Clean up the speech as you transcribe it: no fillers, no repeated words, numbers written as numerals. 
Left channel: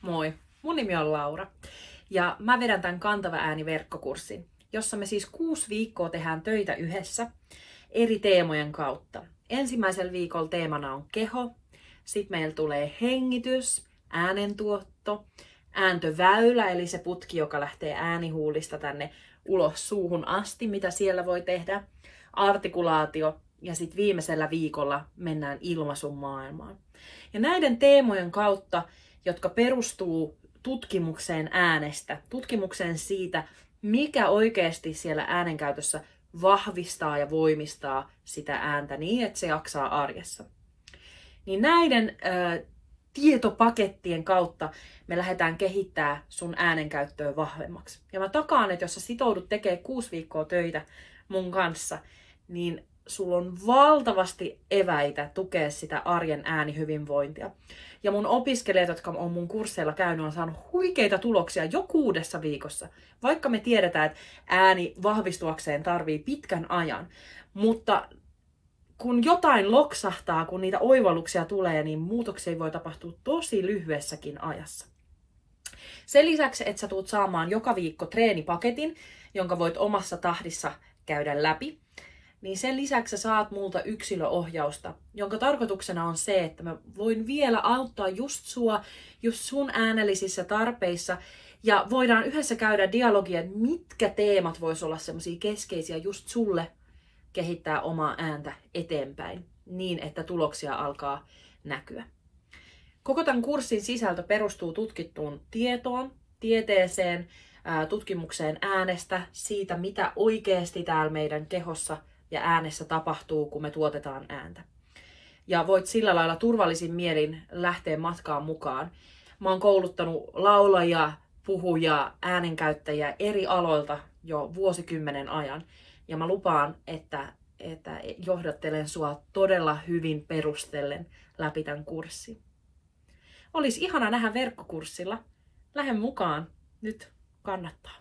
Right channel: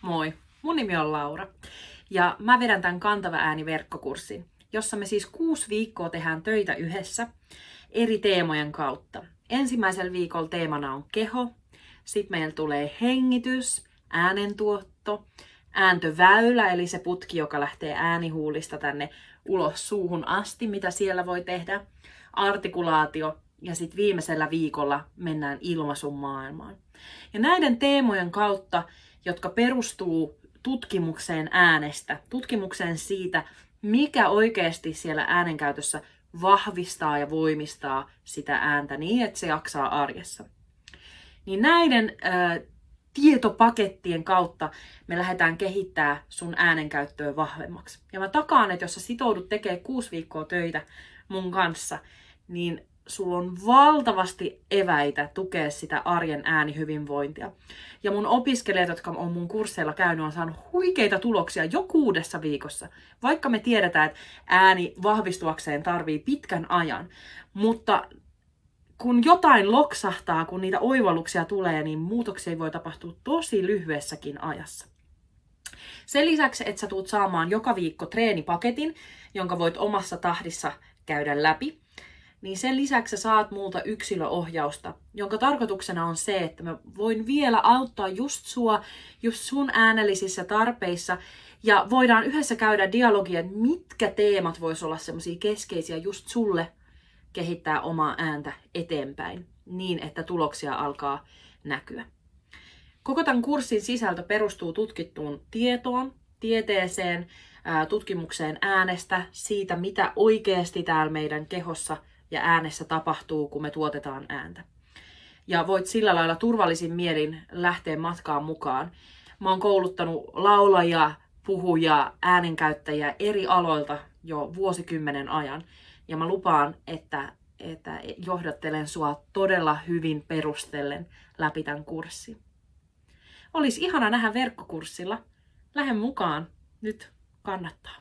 Moi, mun nimi on Laura ja mä vedän tämän Kantava ääni -verkkokurssin, jossa me siis 6 viikkoa tehdään töitä yhdessä eri teemojen kautta. Ensimmäisellä viikolla teemana on keho, sitten meillä tulee hengitys, äänentuotto, ääntöväylä eli se putki, joka lähtee äänihuulista tänne ulos suuhun asti, mitä siellä voi tehdä, artikulaatio ja sitten viimeisellä viikolla mennään ilmaisun maailmaan. Ja näiden teemojen kautta, jotka perustuu tutkimukseen äänestä, tutkimukseen siitä, mikä oikeasti siellä äänenkäytössä vahvistaa ja voimistaa sitä ääntä niin, että se jaksaa arjessa. Niin näiden tietopakettien kautta me lähdetään kehittämään sun äänenkäyttöä vahvemmaksi. Ja mä takaan, että jos sä sitoudut tekemään 6 viikkoa töitä mun kanssa, niin sulla on valtavasti eväitä tukea sitä arjen äänihyvinvointia. Ja mun opiskelijat, jotka on mun kursseilla käynyt, on saanut huikeita tuloksia jo 6 viikossa. Vaikka me tiedetään, että ääni vahvistuakseen tarvii pitkän ajan. Mutta kun jotain loksahtaa, kun niitä oivalluksia tulee, niin muutoksia voi tapahtua tosi lyhyessäkin ajassa. Sen lisäksi, että sä tulet saamaan joka viikko treenipaketin, jonka voit omassa tahdissa käydä läpi, niin sen lisäksi sä saat multa yksilöohjausta, jonka tarkoituksena on se, että mä voin vielä auttaa just sua, just sun äänellisissä tarpeissa, ja voidaan yhdessä käydä dialogia, että mitkä teemat vois olla semmosia keskeisiä just sulle kehittää omaa ääntä eteenpäin, niin että tuloksia alkaa näkyä. Koko tämän kurssin sisältö perustuu tutkittuun tietoon, tieteeseen, tutkimukseen äänestä, siitä mitä oikeasti täällä meidän kehossa ja äänessä tapahtuu, kun me tuotetaan ääntä. Ja voit sillä lailla turvallisin mielin lähteä matkaan mukaan. Mä oon kouluttanut laulajia, puhujia, äänenkäyttäjiä eri aloilta jo vuosikymmenen ajan. Ja mä lupaan, että johdattelen sua todella hyvin perustellen läpi tämän kurssin. Olisi ihana nähdä verkkokurssilla. Lähde mukaan. Nyt kannattaa.